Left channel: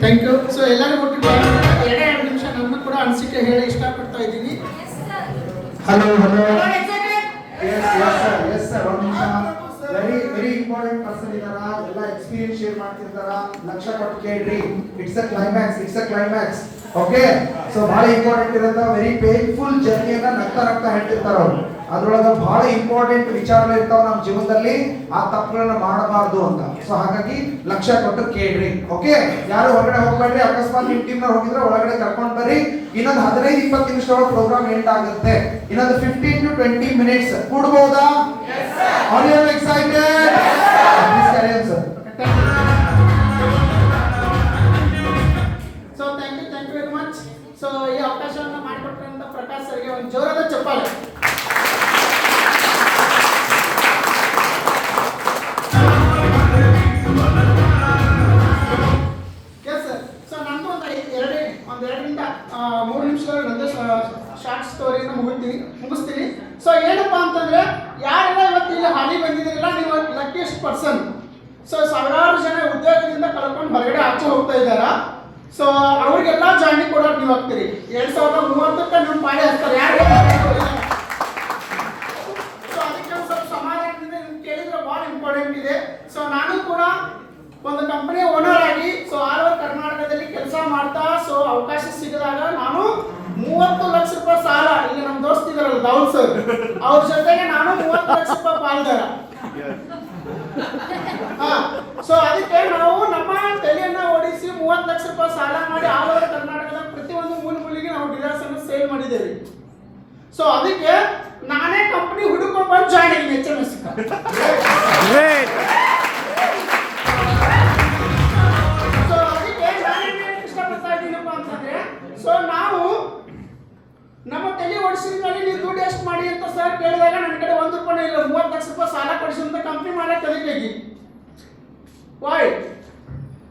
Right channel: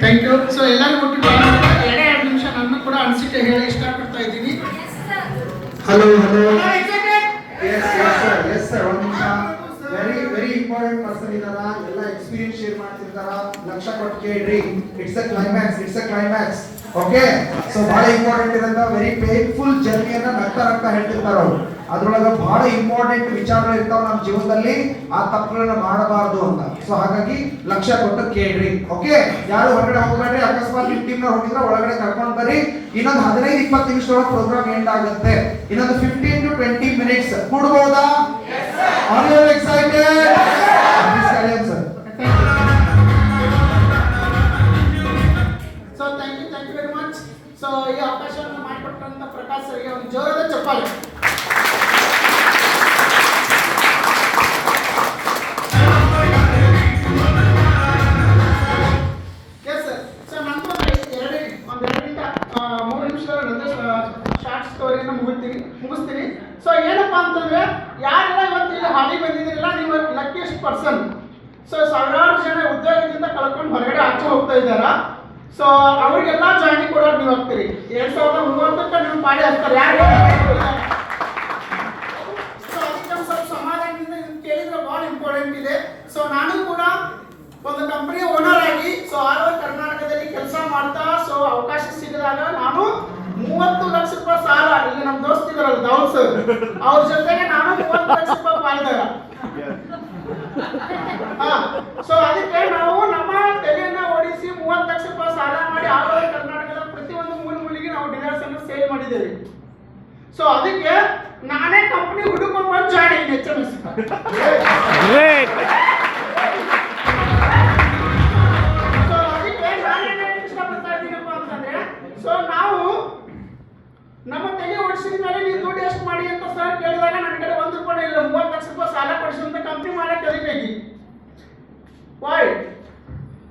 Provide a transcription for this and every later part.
Thank you. So ಎಲ್ಲರಿಗೂ ಒಟ್ಟು ಎರಡು ನಿಮಿಷ ನನ್ನ ಕೂಡ ಅನಿಸಿಕೆ ಹೇಳಿ ಇಷ್ಟಪಡ್ತಾ ಇದ್ದೀನಿ. ಹಲೋ ಎಸ್ ಸರ್ ಒಂದು ನಿಮಿಷ. ವೆರಿ ಇಂಪಾರ್ಟೆಂಟ್ ಪರ್ಸನ್ ಇದಾರ, ಎಲ್ಲ ಎಕ್ಸ್ಪೀರಿಯನ್ಸ್ ಶೇರ್ ಮಾಡ್ತಿರ್ತಾರ. ಲಕ್ಷ ಕೊಟ್ಟು ಕೇಳ್ರಿ. It's a climax. Okay, so ಬಹಳ ಇಂಪಾರ್ಟೆಂಟ್ ಇರೋಂಥ ವೆರಿ ಪೇನ್ಫುಲ್ ಜರ್ನಿಯನ್ನ ನಗ್ತಾ ಹೇಳ್ತಿರ್ತಾರ ಅವ್ರು. ಅದ್ರೊಳಗೆ ಬಹಳ ಇಂಪಾರ್ಟೆಂಟ್ ವಿಚಾರಗಳು ಇರ್ತಾವ ನಮ್ಮ ಜೀವನದಲ್ಲಿ, ಆ ತಪ್ಪುಗಳನ್ನ ಮಾಡಬಾರ್ದು ಅಂತ. ಸೊ ಹಾಗಾಗಿ ಲಕ್ಷ ಕೊಟ್ಟು ಕೇಳ್ರಿ. ಓಕೆ, ಯಾರು ಹೊರಗಡೆ ಹೋಗ್ಬೇಡ್ರಿ. ಅಕಸ್ಮಾತ್ ನಿಮ್ಮ ಟೀಮ್ ಹೋಗಿದ್ರೆ ಒಳಗಡೆ ಕರ್ಕೊಂಡು ಬರ್ರಿ. ಇನ್ನೊಂದು 15-20 ನಿಮಿಷದೊಳಗೆ ಪ್ರೋಗ್ರಾಮ್ ಎಂಡ್ ಆಗುತ್ತೆ. ಇನ್ನೊಂದು 15 to 20 minutes ಕೊಡ್ಬೋದಾ? Are you excited? Please carry on, sir. So thank you very much. So ಈ ಅವಕಾಶವನ್ನು ಮಾಡಿಕೊಟ್ಟಂತ ಪ್ರಕಾಶ್ ಸರ್ಗೆ ಒಂದು ಜೋರಾದ ಚಪ್ಪಾಳೆ. Yes sir. ಸೊ ನಂದು ಒಂದೆರಡರಿಂದ 3 ನಿಮಿಷದೊಳಗೆ ನಂದು ಶಾರ್ಟ್ ಸ್ಟೋರಿಯನ್ನು ಮುಗಿಸ್ತೀನಿ. ಸೊ ಏನಪ್ಪಾ ಅಂತಂದ್ರೆ, ಯಾರೆಲ್ಲ ಇವತ್ತು ಇಲ್ಲಿ ಹಾಡಿ ಬಂದಿದ್ದೀರಲ್ಲ, ನೀವು ಲಕ್ಕಿಯಸ್ಟ್ ಪರ್ಸನ್. ಸೊ ಸಾವಿರಾರು ಜನ ಉದ್ಯೋಗದಿಂದ ಕಳ್ಕೊಂಡು ಹೊರಗಡೆ ಆಚೆ ಹೋಗ್ತಾ ಇದ್ದಾರಾ. ಸೊ ಅವ್ರಿಗೆಲ್ಲ ಜಾಯಿನಿಂಗ್ ಕೊಡೋಕೆ ನೀವು ಹೋಗ್ತೀರಿ. 2030ಕ್ಕೆ ನೀವು ಪಾಡಿ ಹಾಕ್ತಾರೆ. ಯಾರು ಸೊ ಅದಕ್ಕೆ ಸ್ವಲ್ಪ ಸಮಾಧಾನದಿಂದ ನಿಮ್ಗೆ ಕೇಳಿದ್ರೆ ಭಾಳ ಇಂಪಾರ್ಟೆಂಟ್ ಇದೆ. ಸೊ ನಾನು ಕೂಡ ಒಂದು ಕಂಪನಿ ಓನರ್ ಆಗಿ ಸೊ ಆಲ್ ಓವರ್ ಕರ್ನಾಟಕದಲ್ಲಿ ಕೆಲಸ ಮಾಡ್ತಾ, ಸೊ ಅವಕಾಶ ಸಿಗದಾಗ ನಾನು 30 ಲಕ್ಷ ರೂಪಾಯಿ ಸಾಲ, ಇಲ್ಲಿ ನಮ್ಮ ದೋಸ್ತ ಇದಾರಲ್ಲ ದಾವೂದ್ ಸರ್, ಅವ್ರ ಜೊತೆಗೆ ನಾನು 30 ಲಕ್ಷ ರೂಪಾಯಿ ಪಾಲ್ದಾರ. ಸೊ ಅದಕ್ಕೆ ನಾವು ನಮ್ಮ ತಲೆಯನ್ನ ಓಡಿಸಿ 30 ಲಕ್ಷ ರೂಪಾಯಿ ಸಾಲ ಮಾಡಿ ಆಲ್ ಓವರ್ ಕರ್ನಾಟಕದ ಪ್ರತಿಯೊಂದು ಮೂಲೆಗೆ ನಾವು ಡೀಲರ್ಸ್ ಅನ್ನು ಸೇಲ್ ಮಾಡಿದ್ದೇವೆ. ಸೊ ಅದಕ್ಕೆ ನಾನೇ ಕಂಪನಿ ಹುಡುಕೊಂಡು ಬಂದು ಜಾಯಿನ್ ಆಗಿ HMS. ಸೊ ಅದಕ್ಕೆ ನಾನೇನು ಇಷ್ಟಪಡ್ತಾ ಇದ್ದೀನಪ್ಪ ಅಂತಂದ್ರೆ, ಸೊ ನಾವು ನಮ್ಮ ತಲೆ ಓಡಿಸಿದ ಮೇಲೆ ನೀವು ದುಡ್ಡು ಎಷ್ಟು ಮಾಡಿ ಅಂತ ಸರ್ ಕೇಳಿದಾಗ ನನ್ನ ಕಡೆ 1 ರೂಪಾಯಿ ಇಲ್ಲ. 30 ಲಕ್ಷ ರೂಪಾಯಿ ಸಾಲ ಕೊಡಿಸುವಂತ ಕಂಪನಿ ಮಾಡಕ್ಕೆ ಕಲಿಬೇಕು. ವೈ?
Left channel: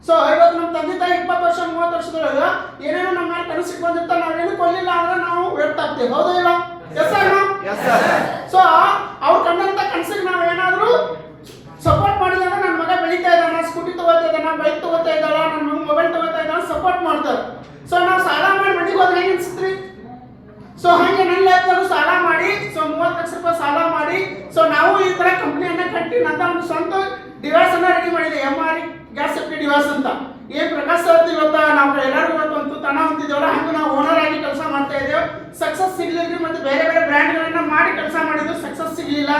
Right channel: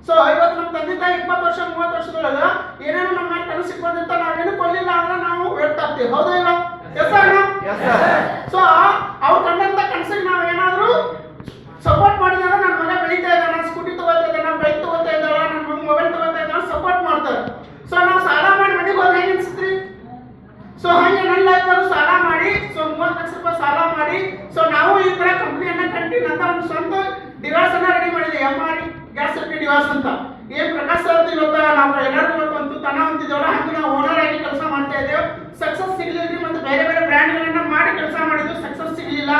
ಸೊ ಇವತ್ತು ನಮ್ಮ ತಂದೆ ತಾಯಿ 20 ವರ್ಷ 30 ವರ್ಷದೊಳಗ ಏನೇನೋ ನಮ್ಮ ಮೇಲೆ ಕನಸು ಇಟ್ಕೊಂಡಿರ್ತ, ನಾವೇನು ಕೊಡಲಿಲ್ಲ ಅಂದ್ರೆ ನಾವು ವ್ಯರ್ಥ ಆಗ್ತೀವಿ. ಹೌದಾ ಇಲ್ಲ? Yes sir. ಸೊ ಅವ್ರು ಕಂಡಂತ ಕನಸಿಗೆ ನಾವು ಏನಾದರೂ ಸಪೋರ್ಟ್ ಮಾಡಿದಾಗ ನನ್ನ ಮಗ ಬೆಳೀತಾ ಇದ್ದಾನ, ಸ್ಕೂಟಿ ತಗೋತಾ ಇದ್ದಾನ, ಬೈಕ್ ತಗೋತಾ ಇದ್ದಾಳ, ನನ್ನ ಮೊಬೈಲ್ ತಗೋತಾ ಇದ್ದಾನ, ಸಪೋರ್ಟ್ ಮಾಡ್ತಾರೆ. ಸೊ ನಾವು ಸಾಲ ಮಾಡಿ ಮನೆಗೆ ಹೋದ್ರೆ ಹೇಗೆ ಅನ್ಸುತ್ರಿ? ಸೊ ಹಾಗೆ ನನ್ನ ಲೈಫ್ನಾಗೂ ಸಾಲ ಮಾಡಿ, ಸೊ 30 ಲಕ್ಷ ರೂಪಾಯಿ ಸಾಲ ಮಾಡಿ, ಸೊ ನಾವು ಈ ತರ ಕಂಪ್ನಿಯನ್ನ ಕಟ್ಟಿ ನನ್ನ ಒಂದು ಸ್ವಂತ ಡಿವೈಸ್ ಅನ್ನ ರೆಡಿ ಮಾಡಿದೆ. MR ಗ್ಯಾಸ್ ಸೇಫ್ಟಿ ಡಿವೈಸ್ ಅಂತ. ಏನ್ ಪ್ರಕಾಶ್ ಸರ್ ಇವತ್ತು ನಾವು ಎಲ್ಲರಿಗೂ ಇವತ್ತು ತನ ಅಂತಿದ್ದೇವಲ್ಲ, ಹಂಗೆ ನಾವು ಓನರ್ ಆಗಿ ಕೆಲಸ ಮಾಡ್ತಾ ಇದ್ದೇವೆ. ಸಕ್ಸಸ್ ಸಿಗ್ಲಿಲ್ಲ, ಮತ್ತೆ ಬೇರೆ ಬೇರೆ ಬ್ರ್ಯಾಂಡ್ಗಳನ್ನ ಮಾಡಿ ಕೆಲಸ ಮಾಡಿದ್ರು, ಸಕ್ಸಸ್ ಸಿಗ್ಲಿಲ್ಲ.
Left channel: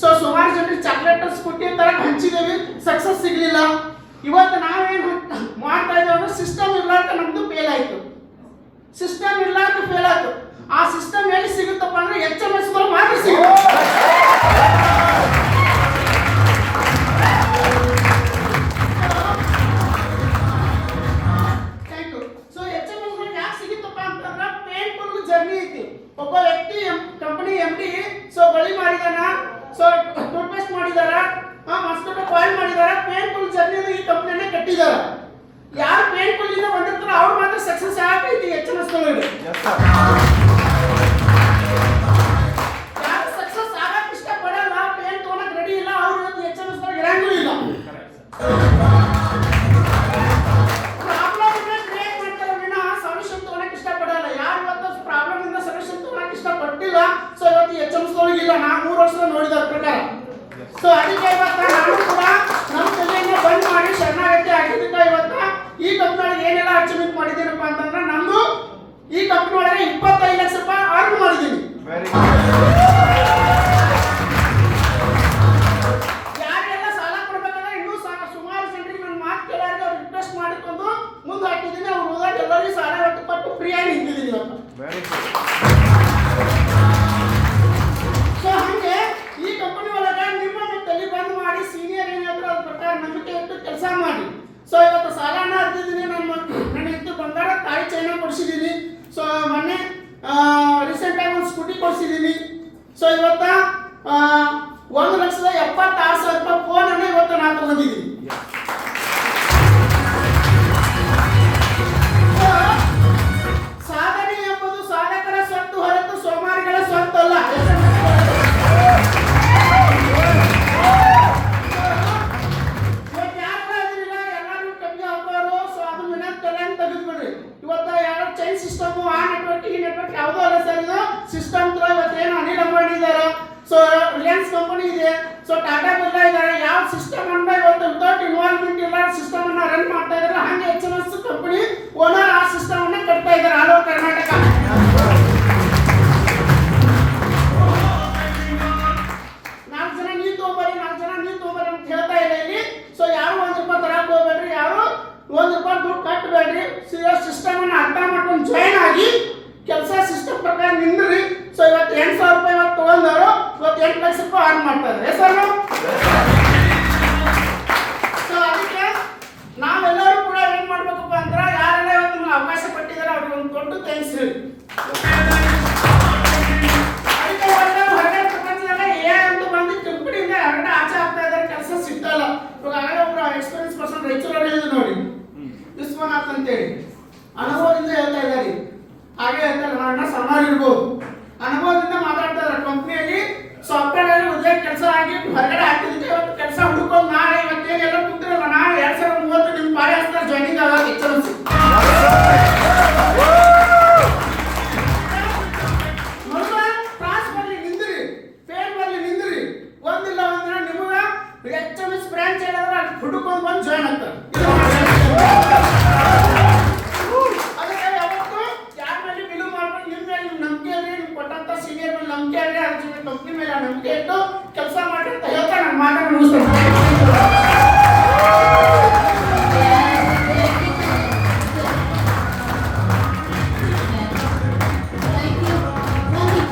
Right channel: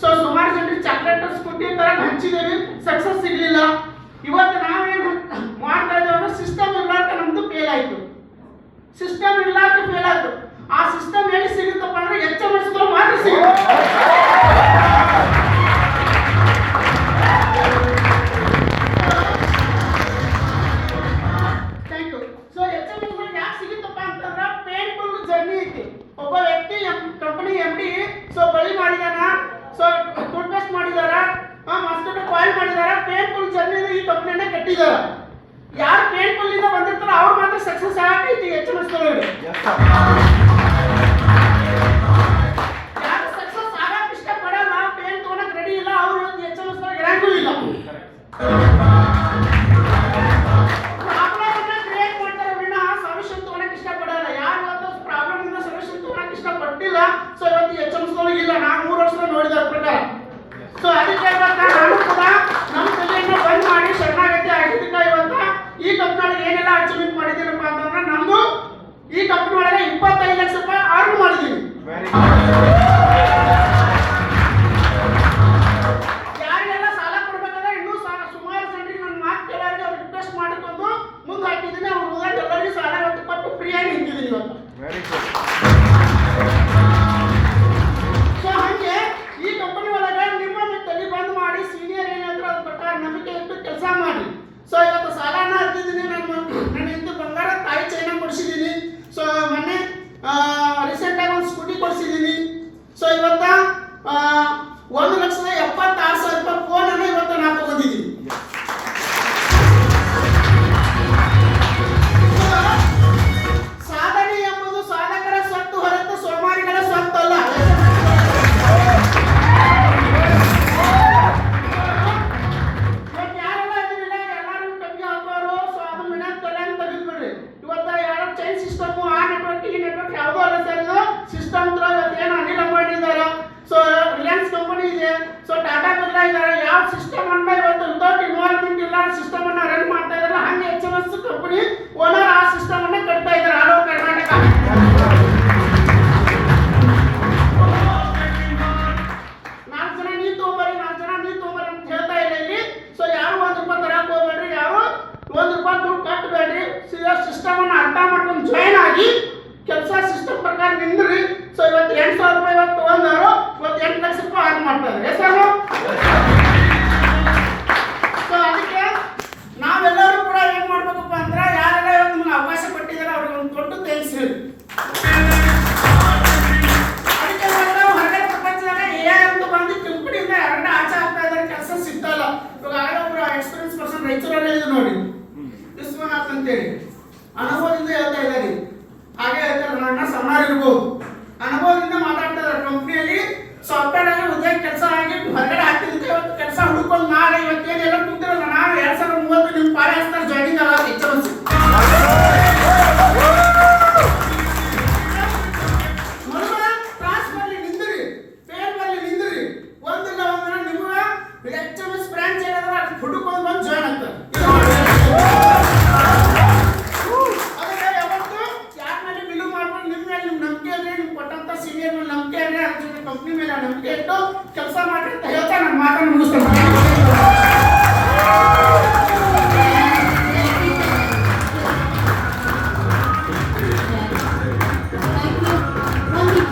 ಸೊ ಸುಮಾರು ಜನರಿಗೆ ಚಾಕ್ಲೇಟ್ ಸ್ಕೂಟಿ ತರ ಹಂಚಿದ್ದೇವೆ, ಸಕ್ಸಸ್ ಸಿಗ್ಲಿಲ್ಲ. ಇವತ್ತು ನಾವೇನು ಮಾಡ್ತಾ ಇದ್ದೇವೆ ಅಂದ್ರೆ ಸಿಸ್ಟಮ್ ಇರ್ಲಾರ್ದ ನಮ್ದು ಫೇಲ್ ಆಯ್ತು. ಸಿಸ್ಟಮ್ ಇರ್ಲಾರ್ದ ಫೇಲ್ ಆಯ್ತು. ಆ ಸಿಸ್ಟಮ್ ಎಲ್ಲಿ ಸಿಗುತ್ತಪ್ಪ ಅಂದ್ರೆ HMS ಮಾತ್ರ ಸಿಗುತ್ತೆ. Thank you. ಸೊ HMS ಯಾಕೆ ಸಿಗುತ್ತಪ್ಪ ಅಂತಂದ್ರೆ ಪೇನ್ಫುಲ್ ಜರ್ನಿ ಐತಿ. ಒಬ್ಬ ವ್ಯಕ್ತಿ ಕಂಪನಿ MD ಸೊ ಬಳಿ ಮಾಡಿದಾನ, ಸೊ ಟೂತ್ಪೇಸ್ಟ್ ಮಾಡಿದಾರ, ಮಾಸ್ಟರ್ ಕಾಯಿಲ್ ಮಾಡಿದಾರ, ಪೇನ್ಫುಲ್ ಜರ್ನಿ ಈ ಕಂಪನಿಯನ್ನ ಕಟ್ಟಿದಾರ. ಯಾರು ಪೇನ್ಫುಲ್ ಇಂದ ಬಂದಿರ್ತಾರೋ ಅವ್ರು ಮಾತ್ರ ಸಕ್ಸಸ್ ಆಗೈತಿ HMS ಒಳಗಡೆ. ಸೊ ಇವತ್ತು HMS ಇಲ್ಲ, ನಾನು 3 ವರ್ಷದ ನೋಡಿದ ಪ್ರಕಾರ. ಸೊ ಅದಕ್ಕೆ ಇವತ್ತು ನಾನು ಕೂಡ ನಮ್ಮ ತಲೆಯನ್ನು ಬಂದ್ ಮಾಡಿ ಶರಣಾಗತಿ ಆಗಿದ್ದಕ್ಕೆ ಇವತ್ತು ಈ ಕಂಪನಿ ಒಳಗೆ ಏನೆಲ್ಲ ಅಚೀವ್ಮೆಂಟ್ ಮಾಡಿದ್ದೀನಪ್ಪ ಅಂತಂದ್ರೆ, ನಾನು ಈ ಕಂಪನಿ ಒಳಗೆ 25 ಲಕ್ಷ ರೂಪಾಯಿ ಅರ್ನ್ ಮಾಡಿದ್ದೀನಿ. ಯಾರಿಗೆಲ್ಲ ಸಾಲ ಕೊಡ್ಬೇಕಾದ್ರೆ ಇನ್ನೂ ಸುಮಾರು ಜನರಿಗೆ ನನ್ನ ಮಾತು ಕೇಳೋರಿಗೆ ಅವ್ರು ರಿಕ್ವೆಸ್ಟ್ ಮಾಡಿಕೊಂಡು ಮುಂದೆ ಹಾಕಿದ್ದೀನಿ. ಅವ್ರು ಹೋದಾಗ ಎಲ್ಲರಿಗೂ ಸಾಲ ಇವತ್ತು ಕೊಟ್ಟು ಫ್ರೀಯಾಗಿ ನಿಂತಿದ್ದೀನಿ ಇವತ್ತು. ಸೊ ಹಂಗೆ ಈ ಕಂಪನಿ ಒಳಗೆ ನಿಮ್ಮ ತಲೆ ಬಂದ್ ಮಾಡಿ ಸೀನಿಯರ್ ಏನಾದ್ರು ಅದ್ರ ಪ್ರಕಾರ ನಂಬಿಕೆ ಇಟ್ಟು ಕೆಲಸ ಮಾಡಿ. ಸೊ ಇವತ್ತು ಸಾಲನ ಹರಿದಿದ್ದೀನಿ. ನನ್ನ ಹೆಂಡತಿ ಬಂಗಾರ ತಾಯಿ ಚೈನ ಕೊಡಿಸಿದ್ದೀನಿ. ಸೊ ಮೊನ್ನೆ ರೀಸೆಂಟ್ ಆಗಿ ಒಂದು ಸ್ಕೂಟಿ ಕೊಡಿಸಿದ್ದೀನಿ. ಸೊ ಇವತ್ತ 1,76,000 ರೂಪಾಯಿ ಫೋನ್ ಅನ್ನು ಇವತ್ತು ನಾನು ತಗೊಂಡಿದ್ದೀನಿ. ಸಾಧನೆ ಎಂಬುದು ಸಾಧಕರ ಸ್ವತ್ತು ಹೊರತು ಸೋಮಾರಿಗಳ ಸ್ವತ್ತು ಅಲ್ಲ. ಯಾರೆಲ್ಲ ಇದ್ರಿಲ್ಲ ಎಲ್ಲರೂ ಕಮ್ಮಿ ಹಾಕೋರು. ಸೊ ಅದು ವಿನಂತಲ್ಲ, ಏನ್ ಸಿಸ್ಟಮ್ ಆ ನೆಟ್ವರ್ಕ್ ಈ ನೆಟ್ವರ್ಕ್ ಯಾವುದೋ ಅಲ್ಲ ಸರ್. ಇದು ಸಿಸ್ಟಮ್ ತರ ಇವತ್ತು ಏನು ಅನಿಲ್ ಅಂಬಾನಿ ಇದ್ದಾರೆ, ಸೊ ರಿಲಯನ್ಸ್ ಕಂಪನಿ ಇದೆ, ಸೊ ಟಾಟಾ ಬಿರ್ಲಾ ಇದ್ದಾರೆ. ಯಾವ ಸಿಸ್ಟಮ್ ಅನ್ನ ಇವತ್ತು ವಿತೌಟ್ ಇನ್ವಾಲ್ವ್ಮೆಂಟ್ ಇಲ್ಲ ಸಿಸ್ಟಮ್ ಅನ್ನ ರನ್ ಮಾಡ್ತಾ ಇದ್ದಾರೆ, ಹಂಗೆ HMS ಕಂಪನಿ ಓನರ್ ಆ ಸಿಸ್ಟಮ್ ಅನ್ನ ಕಟ್ತಾ ಇದ್ದಾರೆ ಆಲ್ ಓವರ್ ಕರ್ನಾಟಕ. 4 ಜನ ನೀವು ತಗೊಂಬರಿ 4 ಜನ ನೀವು ತಗೊಂಬರಿ ಅಂತ ಹೇಳ್ತಾ ಇಲ್ಲ ಇಲ್ಲಿ. ಸೊ ಯಾರು ₹1 ತರಕ್ ಹೋಗ್ಬೇಡ್ರಿ, ಯಾರು ₹1 ದುಡ್ಡು ಕಟ್ಟಬೇಡ್ರಿ. ಸಿಸ್ಟಮ್ ಅನ್ನ ಅರ್ಥ ಮಾಡ್ಕೊಂಡು ಜಾಯ್ನ್ ಆಗಿ ಕೆಲಸ ಸಿಸ್ಟಮ್ ಪ್ರಕಾರ ನಿಂದ್ರಿ. ಸೊ ಇವತ್ತು ₹8,000 ಇವತ್ತು ತಗೊಂಡವರು ಇವತ್ತು ₹8 ಲಕ್ಷ ಅರ್ನ್ ಮಾಡ್ತಾರೆ ಹೆಸರು. ಸೊ ಅದಕ್ಕೆ ನಾವೆಲ್ಲರೂ ಕೂಡ ಏನ್ ಮಾಡ್ಬೇಕಪ್ಪ ಅಂದ್ರೆ ಯಾರೆಲ್ಲ ಇವತ್ತು ನಿಮ್ಗೆ ಅವಕಾಶ ಕೊಟ್ಟಿದ್ದಾರೆ ಅವ್ರಿಗೆ ಒಂದು ದೊಡ್ಡ ಥ್ಯಾಂಕ್ಸ್ ಹೇಳಿ. ಅದಕ್ಕೆ ಹೊರಗಡೆ ಪ್ರಪಂಚದಾಗ ಅಂತ ಬಂದು ಕಂಪನಿಯಿಂದ ಹೊರಗಡೆ ಆಚೆ ಆಗ್ತಾ ಇದ್ದಾರೆ, ಕೆಲಸ ಸಿಗ್ತಾ ಇಲ್ಲ. ಇವಾಗ ಆಗಲೇ ಒಬ್ರು ಎಕ್ಸ್ಪೀರಿಯನ್ಸ್ ಪರ್ಸನ್ ರೈತರಲ್ಲಿ ಇದೆ ನೋಡಿ, ವಿಶ್ವನಾಥ್ ಅಂತೇಳಿ ಅನುಭವದಿಂದ ಹೇಳ್ತಾ ಇದ್ದಾರೆ. ಹಾಗೆ ಹೇಳ್ತಾರೆ ನನ್ನ ಸಣ್ಣವ್ರು ಇರ್ಬೋದು, ಅನುಭವದಿಂದ ಮಾತಾಡ್ತಾ ಇದ್ದಾರೆ. ಕಂಪ್ನಿಯಲ್ಲಿ ಸಾಫ್ಟ್ವೇರ್ ಆಗಿ ಉದ್ಯೋಗ ಕೆಲಸ ಆಗಿ ಹೊರಗಡೆ ಆಗ್ತಿದ್ದೆ, ಇವತ್ತು ಕೆಲಸ ಹುಡ್ಕೊಂಡು ಮಾಡಿ ಇವತ್ತೇನೆಲ್ಲ ಕೂತಿರಲ್ಲ. ನಾನು 2030 ನಿಮ್ಮ ಪಾಳೆ ಹಚ್ತಾರೆ ಜಾಯ್ನಿಂಗ್ ಆಗ HMS. ಕ್ಲಾಸ್ ಬರ್ಲಿ ನಿಂದ್ರಿ, ಪೇನ್ ಬರ್ಲಿ ನಿಂದ್ರಿ, ಒಂದಿಲ್ಲ ಒಂದಿನ ನಿಮಗ HMS ಬ್ರಾಂಚ್ ಏನಾದ್ರೆ ಹುಡುಕೊಂಡು ಬಂದು ಜಾಯ್ನ್ ಆಗ್ತಾರೆ. ಅದಕ್ಕೆ ಯಾವತ್ತು ಯಾರ ಮೇಲೆ ಬಿಲು ಮಾಡ್ಕೊಂಡು ನಿಮ್ಮ ಮೇಲೆ ನಿಮ್ಮ ನಂಬಿಕೆ ಅಂದ್ರೆ ನಿಮ್ಗೆ ಕೊಟ್ಟಂತ ಸೀನಿಯರ್ ಮೇಲೆ ನಂಬಿಕೆ ಅಂದ್ರೆ ಅದ್ರ ಜೊತೆ ಕಂಪ್ನಿ ಮೇಲೆ ನಂಬಿಕೆ ಇಟ್ಟು ಕೆಲಸ ಮಾಡಿ ಅಂತ ಹೇಳ್ತಾ ನಾನು ಮಾತನ್ನು ಮುಗಿಸ್ತೇನೆ.